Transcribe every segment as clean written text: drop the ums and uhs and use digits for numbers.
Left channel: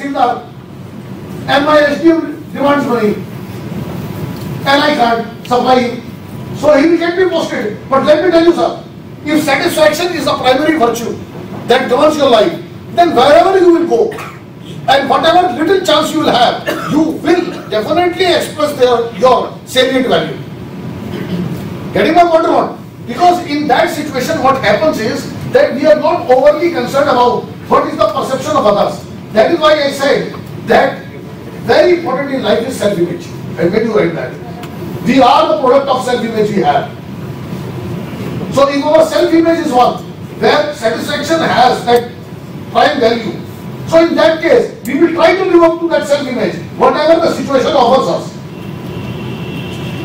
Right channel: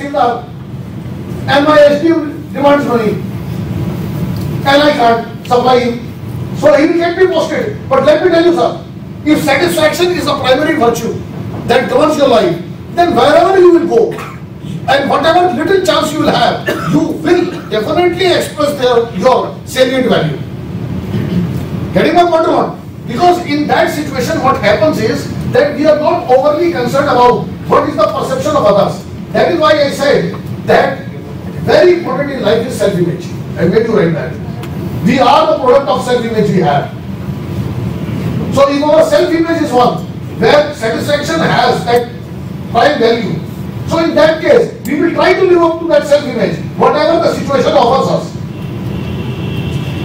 and my SDM demands money and I can't supply him. So he will get me posted. But let me tell you, sir, if satisfaction is a primary virtue that governs your life, then wherever you will go and whatever little chance you will have, you will definitely express your salient value. Getting my point or not? Because in that situation what happens is that we are not overly concerned about what is the perception of others. That is why I said that very important in life is self-image. I made you write that. We are the product of self-image we have. So if our self-image is one, where satisfaction has that prime value, so in that case, we will try to live up to that self-image, whatever the situation offers us.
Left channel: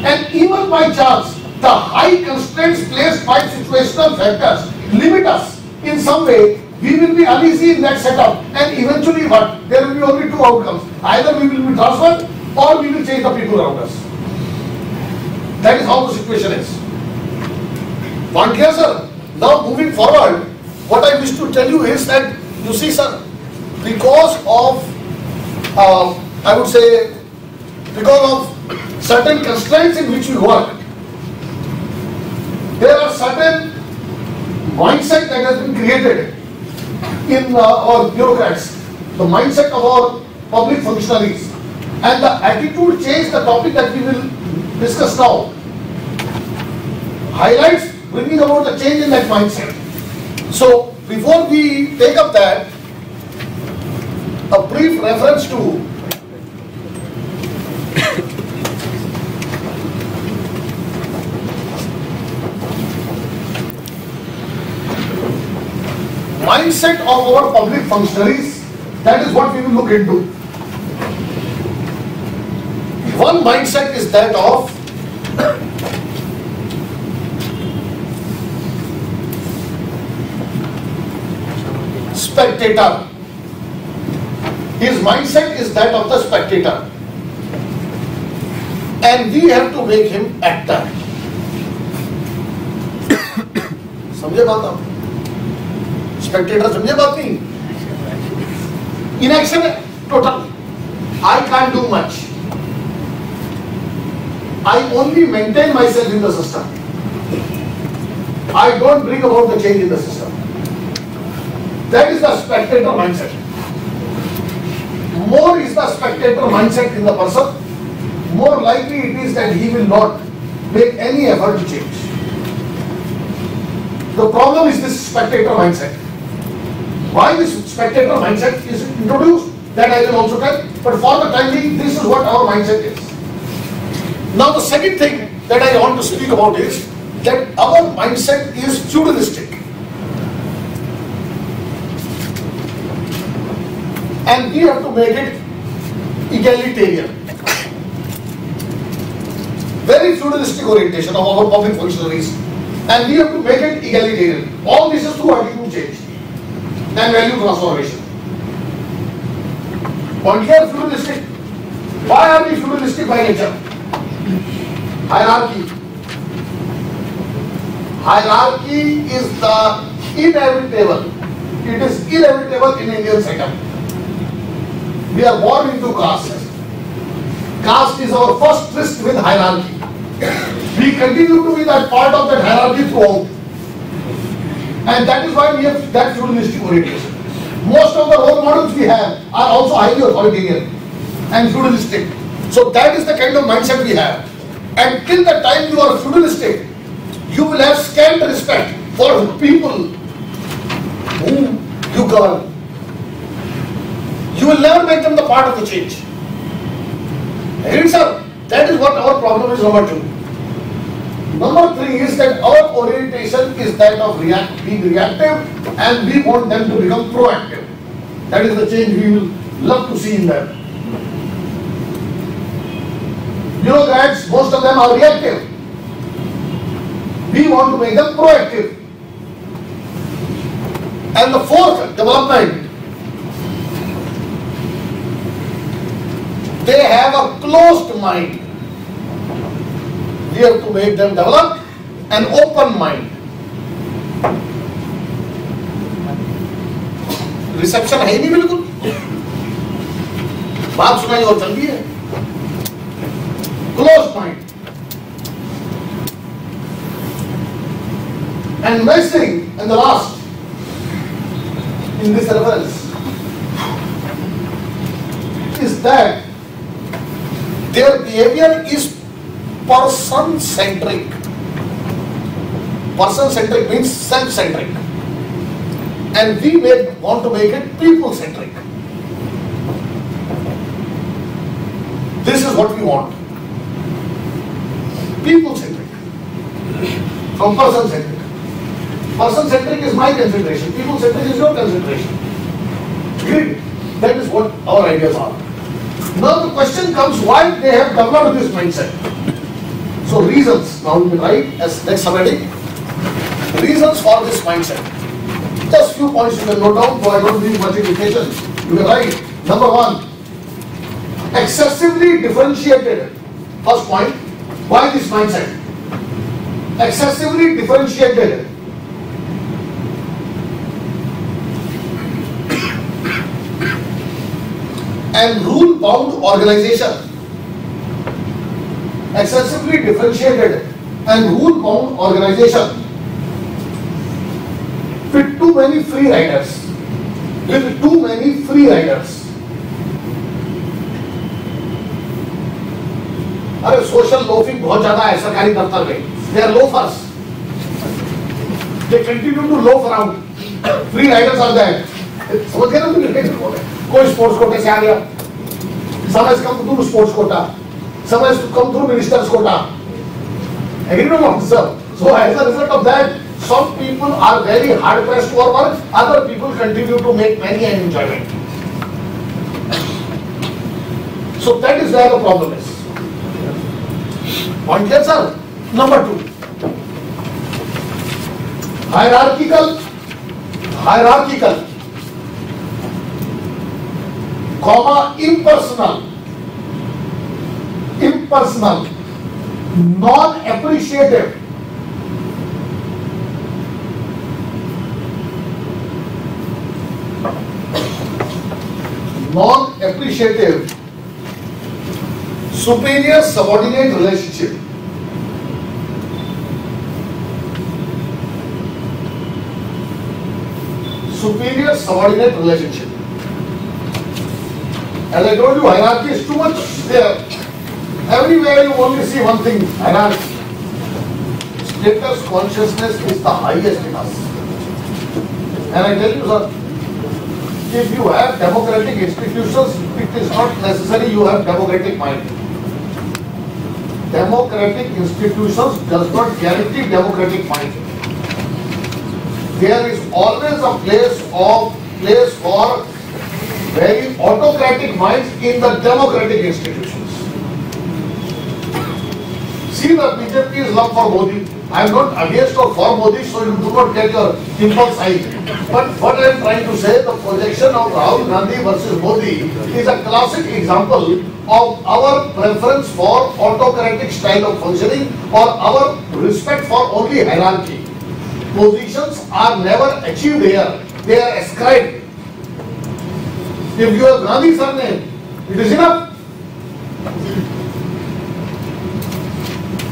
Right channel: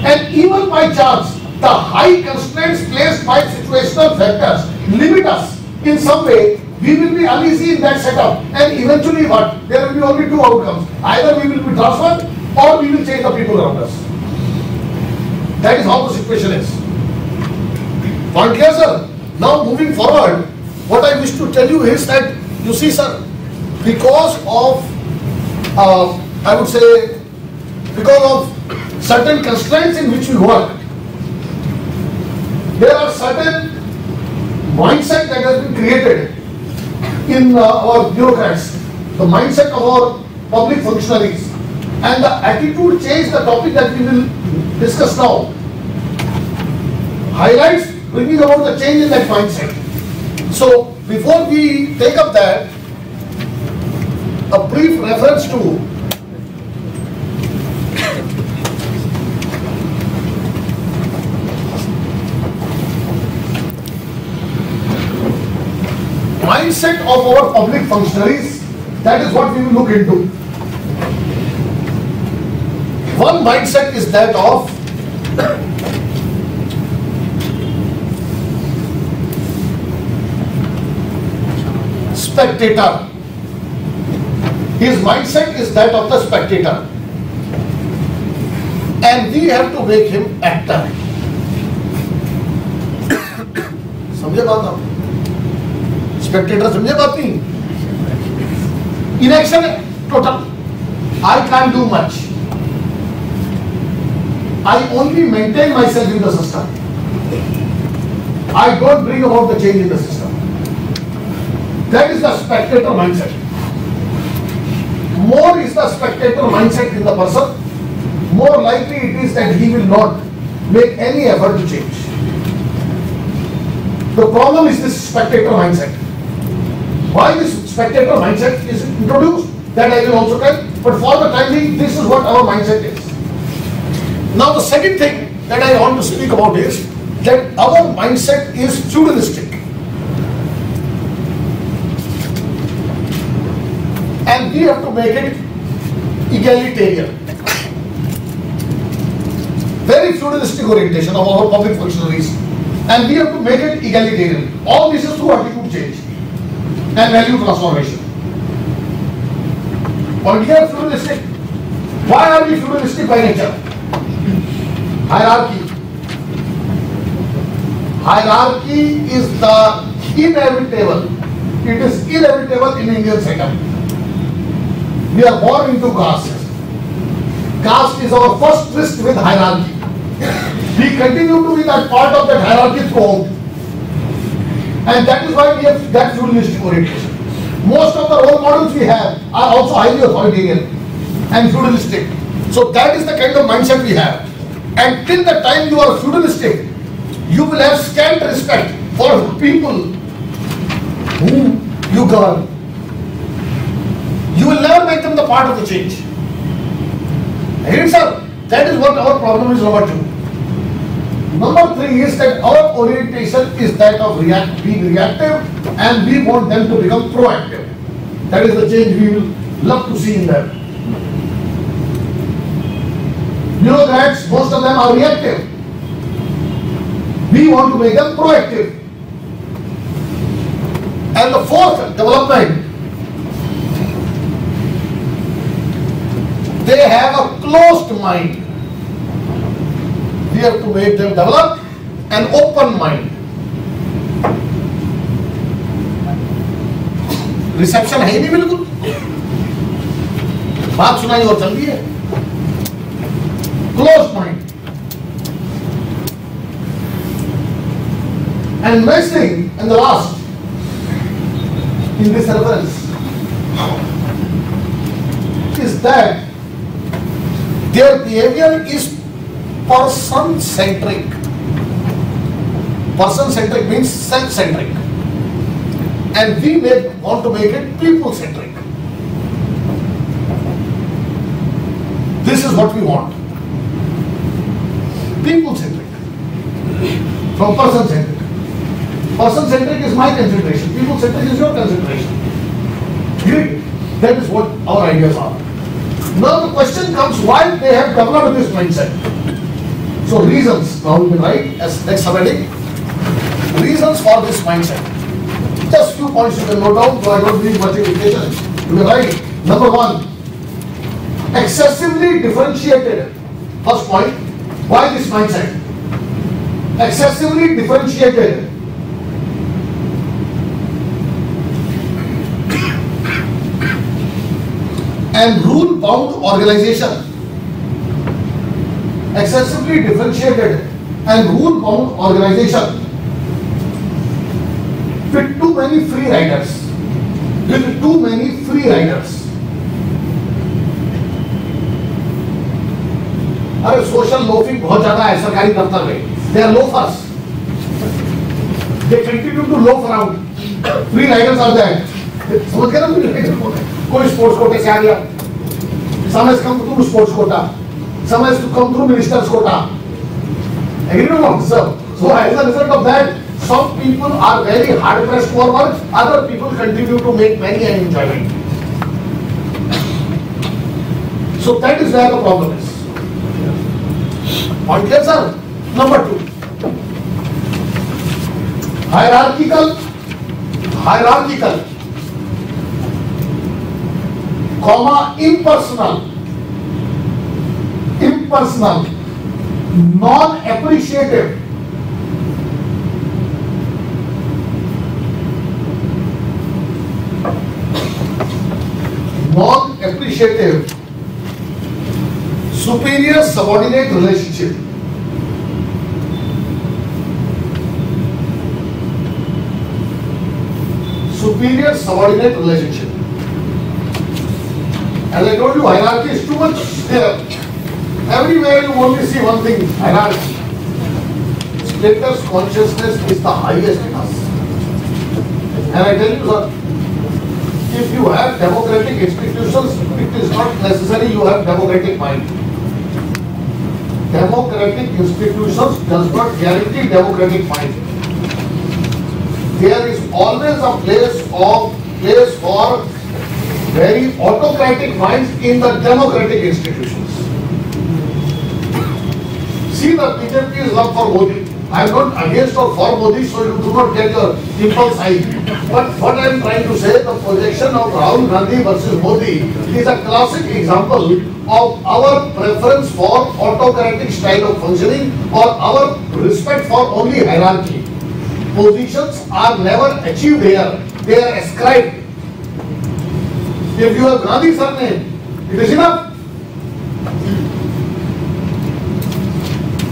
And even by chance, the high constraints placed by situational factors limit us in some way, we will be uneasy in that setup, and eventually what? There will be only two outcomes. Either we will be transferred or we will change the people around us. That is how the situation is. Point clear, sir? Now moving forward, what I wish to tell you is that, you see, sir, because of, I would say, because of certain constraints in which we work, there are certain mindset that has been created in our bureaucrats, the mindset of our public functionaries, and the attitude change, the topic that we will discuss now, highlights bringing about the change in that mindset. So before we take up that, a brief reference to mindset of our public functionaries. That is what we will look into. One mindset is that of spectator. His mindset is that of the spectator, and we have to make him actor. समझे बात आप? Spectator समझे बात नहीं? Inaction total. I can't do much. I only maintain myself in the system. I don't bring about the change in the system. That is the spectator mindset. More is the spectator mindset in the person, more likely it is that he will not make any effort to change. The problem is this spectator mindset. Why this spectator mindset is introduced, that I will also tell, but for the time being, this is what our mindset is. Now the second thing that I want to speak about is that our mindset is feudalistic. And we have to make it egalitarian. Very feudalistic orientation of our public functionaries. And we have to make it egalitarian. All this is through attitude change and value transformation. On here, feudalistic. Why are we feudalistic by nature? Hierarchy. Hierarchy is the inevitable. It is inevitable in Indian setup. We are born into caste. Caste is our first tryst with hierarchy. We continue to be that part of that hierarchy throughout. And that is why we have that feudalistic orientation. Most of the role models we have are also highly authoritarian and feudalistic. So that is the kind of mindset we have. And till the time you are feudalistic, you will have scant respect for people whom you govern. You will never make them the part of the change. And sir, that is what our problem is, number 2. Number 3 is that our orientation is that of being reactive, and we want them to become proactive. That is the change we will love to see in them. Bureaucrats, most of them are reactive. We want to make them proactive. And the fourth development, they have a closed mind. We have to make them develop an open mind. Reception है नहीं बिल्कुल. बात सुनाई और चल रही है. Closed mind. And next thing, and the last, in this reference, is that their behavior is person-centric. Person-centric means self-centric. And we want to make it people-centric. This is what we want. People-centric. From person-centric. Person-centric is my consideration. People-centric is your consideration. That is what our ideas are. Now the question comes, why they have developed this mindset? So reasons, now we can write as next subheading, reasons for this mindset. Just few points you can note down, so I don't need much indication. You can write, number one, excessively differentiated. First point, why this mindset? Excessively differentiated and rule-bound organization. Excessively differentiated and rule-bound organization with too many free riders. With too many free riders. अरे social loafing बहुत ज्यादा है सरकारी दफ्तर में. They are loafers. They continue to loaf around. Free riders are there. समझ गए ना मुझे? कोई स्पोर्ट्स कोटे से आ गया. Some has come through sports quota. Some has come through minister's quota. Agree or not, sir? So as a result of that, some people are very hard pressed for work. Other people continue to make money and enjoyment. So that is where the problem is. Point clear, sir? Number two, hierarchical, impersonal, non-appreciative, superior subordinate relationship. Superior subordinate relationship. As I told you, hierarchy is too much there. Everywhere you only see one thing, hierarchy. Status consciousness is the highest in us. And I tell you, sir, if you have democratic institutions, it is not necessary you have democratic mind. Democratic institutions does not guarantee democratic mind. There is always a place for very autocratic minds in the democratic institutions. See, the BJP's love for Modi. I am not against or for Modi, so you do not get your impulse high. But what I am trying to say, the projection of Rahul Gandhi versus Modi is a classic example of our preference for autocratic style of functioning or our respect for only hierarchy. Positions are never achieved here, they are ascribed. If you have Gandhi surname, it is enough.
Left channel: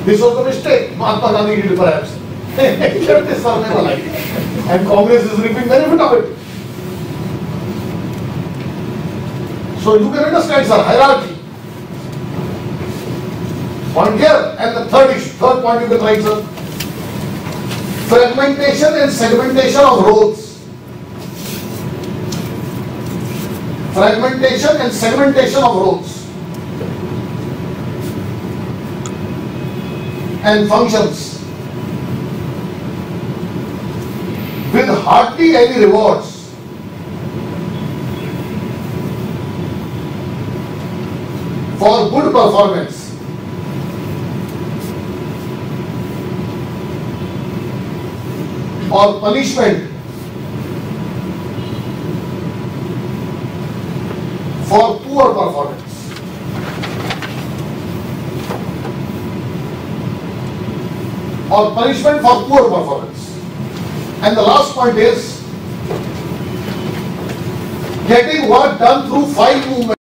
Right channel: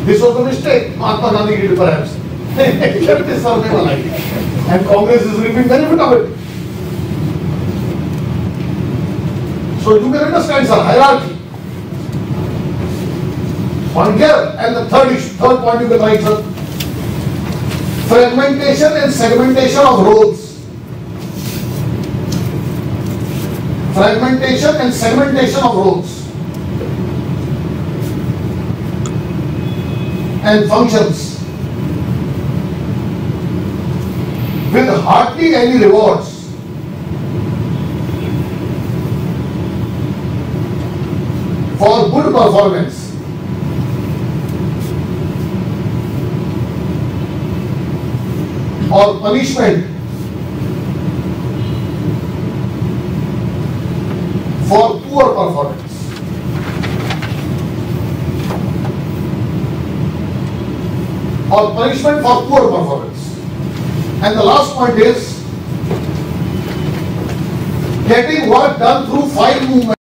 This was a mistake, Mahatma Gandhi did perhaps. He kept his surname alive. And Congress is reaping benefit of it. So you can understand, sir, hierarchy. Point here. And the third point you can write, sir. Fragmentation and segmentation of roles. Fragmentation and segmentation of roles and functions with hardly any rewards. For good performance. Or punishment for poor performance. Or punishment for poor performance. And the last point is getting work done through file movement.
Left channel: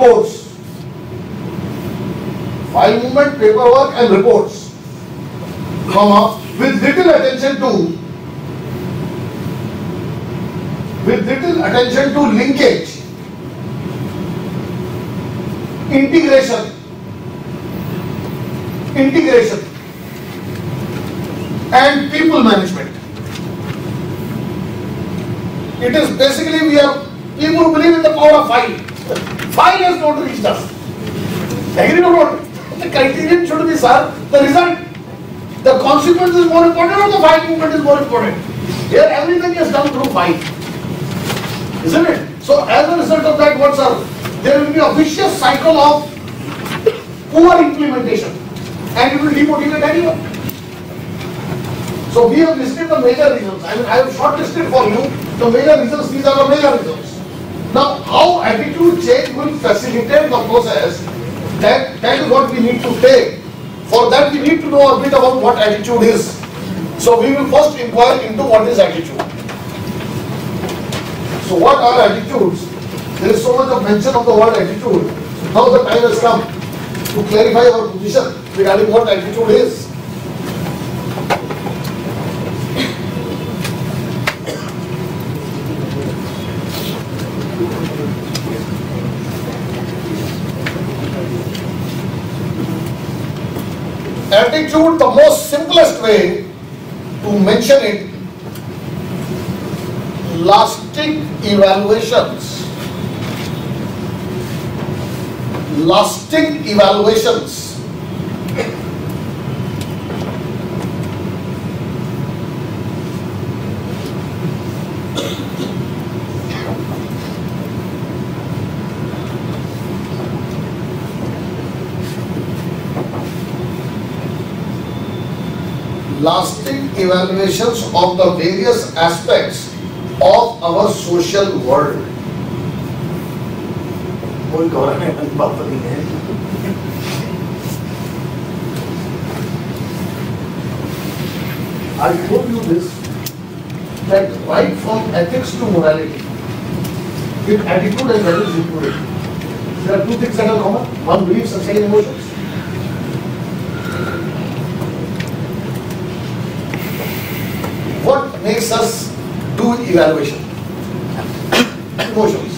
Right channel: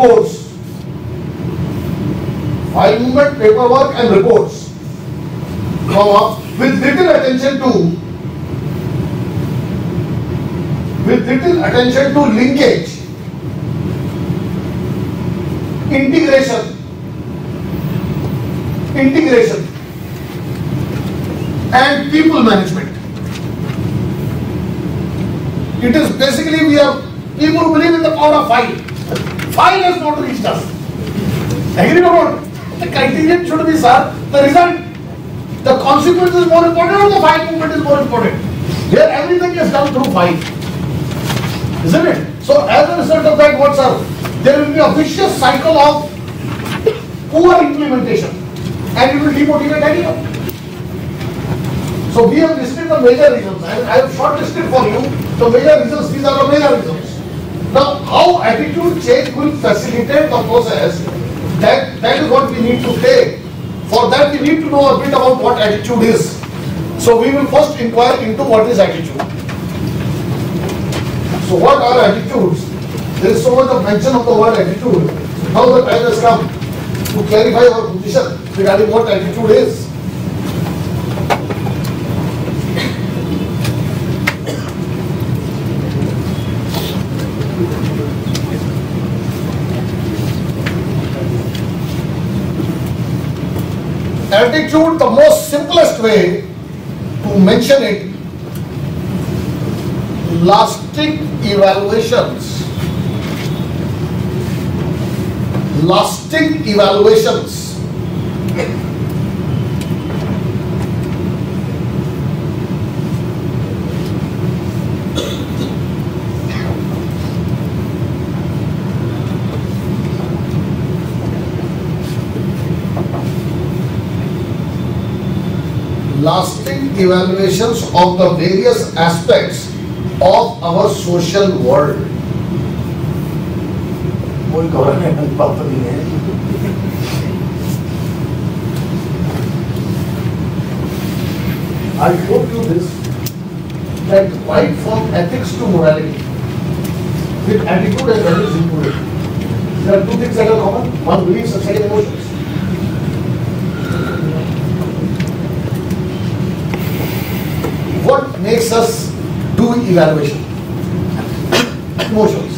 reports. File movement, paperwork and reports, comma, with little attention to linkage, integration, and people management. It is basically we are people who believe in the power of file. File has not reached us. Agree or not? The contingent should be, sir, the result. The consequence is more important or the file movement is more important? Here everything is done through file. Isn't it? So as a result of that, what, sir? There will be a vicious cycle of poor implementation and it will demotivate anyone. So we have listed the major reasons and I have shortlisted for you the major reasons. These are the major reasons. Now, how attitude change will facilitate the process, that is what we need to take. For that, we need to know a bit about what attitude is. So we will first inquire into what is attitude. So what are attitudes? There is so much of mention of the word attitude. Now the time has come to clarify our position regarding what attitude is. Attitude, the most simplest way to mention it, lasting evaluations. Lasting evaluations of the various aspects of our social world. I told you this, that right from ethics to morality, with attitude and values included, there are two things that are common. One, beliefs and second, emotions. What makes us do evaluation? Emotions.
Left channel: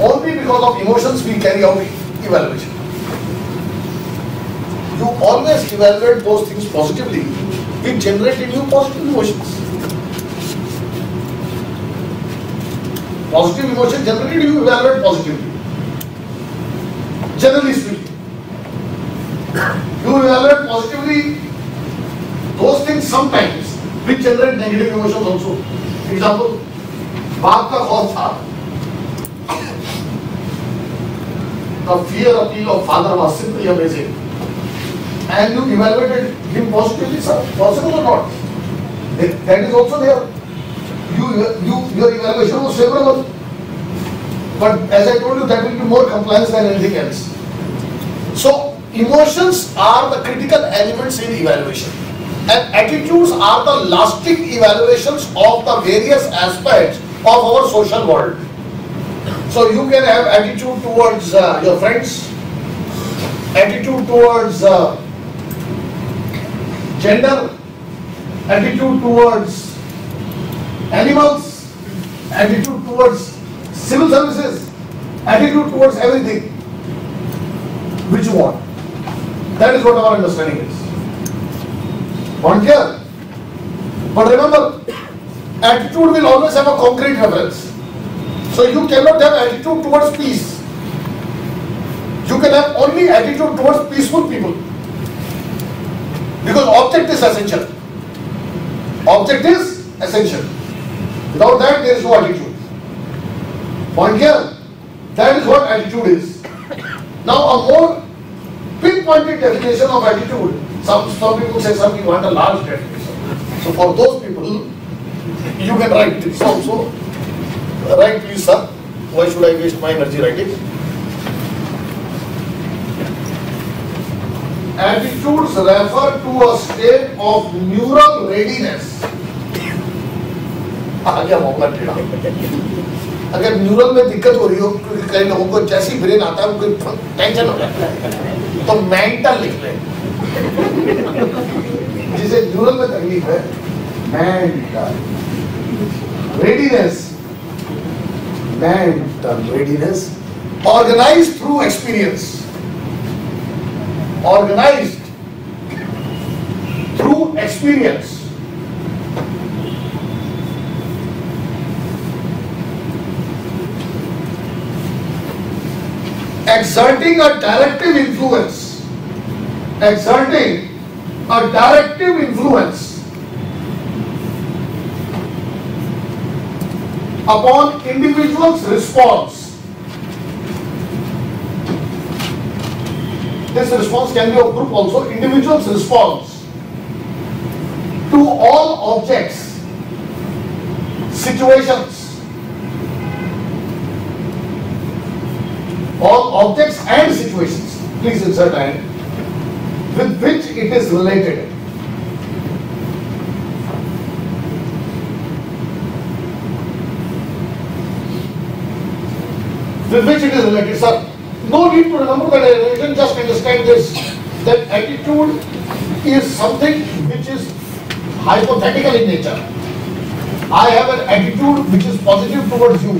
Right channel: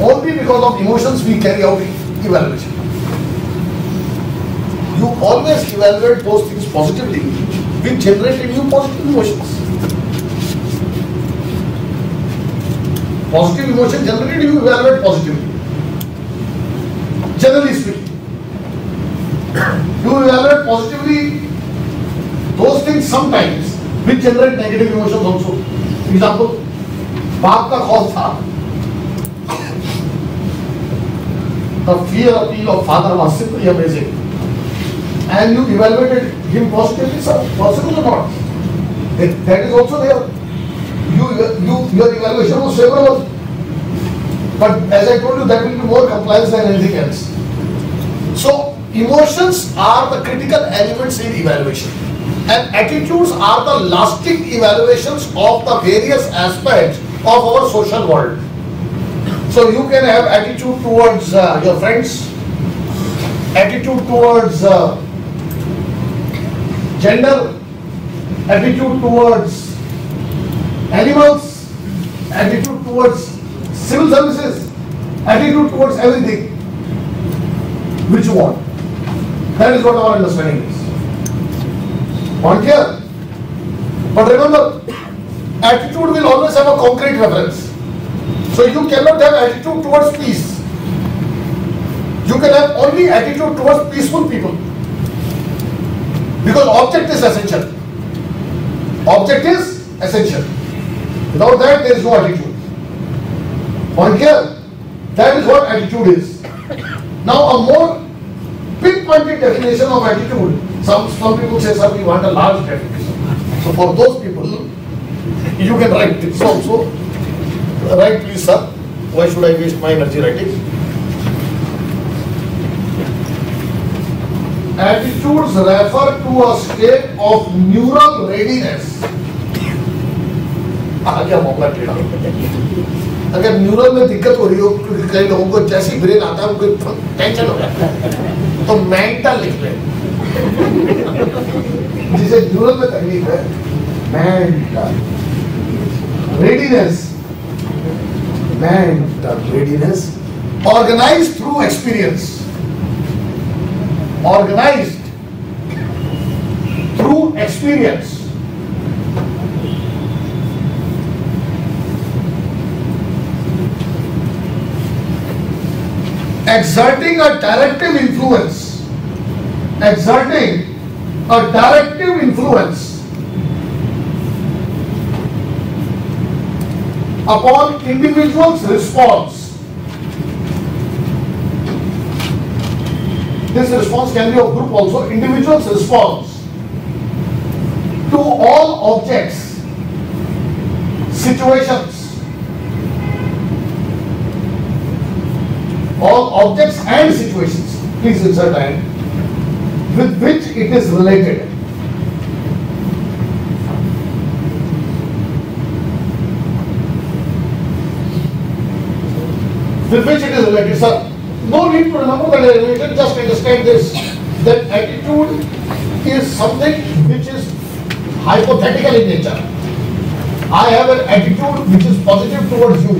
Only because of emotions we carry out evaluation. You always evaluate those things positively, which generate in you positive emotions. Positive emotion generally you evaluate positively. Generally speaking, you evaluate positively those things sometimes which generate negative emotions also. For example, बाप का खौफ था. The fear of father was simply amazing. And you evaluated him positively, sir. Possible or not? That is also there. Your evaluation was favorable. But as I told you, that will be more compliance than anything else. So, emotions are the critical elements in evaluation. And attitudes are the lasting evaluations of the various aspects of our social world. So you can have attitude towards your friends, attitude towards gender, attitude towards animals, attitude towards civil services, attitude towards everything which you want. That is what our understanding is. Point here. But remember, attitude will always have a concrete reference. So you cannot have attitude towards peace. You can have only attitude towards peaceful people. Because object is essential. Object is essential. Without that, there is no attitude. Point here. That is what attitude is. Now, a more pinpointed definition of attitude. Some people say, sir, we want a large definition. So for those people, you can write this also. Write please, sir. Why should I waste my energy writing? Attitudes refer to a state of neural readiness. अगर neural में दिक्कत हो रही हो, कई लोगों को जैसी ब्रेन आता है उनको टेंशन हो जाता है, तो मेंटल लिख रहे, जिसे न्यूरल में तकलीफ है, mental readiness, mental readiness, organised through experience, organised through experience, exerting a directive influence, exerting a directive influence upon individual's response. This response can be of group also. Individual's response to all objects, situations, all objects and situations, please insert and, with which it is related. With which it is related, sir. No need to remember the derivation, just understand this, that attitude is something which is hypothetical in nature. I have an attitude which is positive towards you.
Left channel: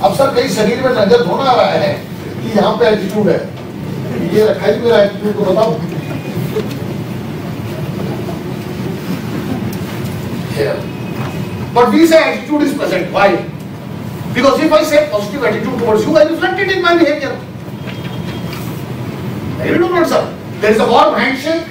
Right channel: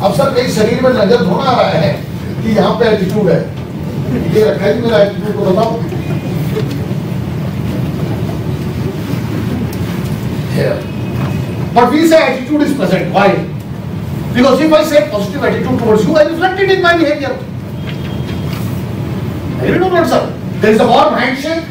अब sir कई शरीर में नजर थोड़ा आ रहा है कि यहाँ पे एटीट्यूड है, ये रखा है मेरा एटीट्यूड को बताओ। But we say attitude is present. Why? Because if I say positive attitude towards you, I reflect it in my behavior. You know what, sir? There is a warm handshake.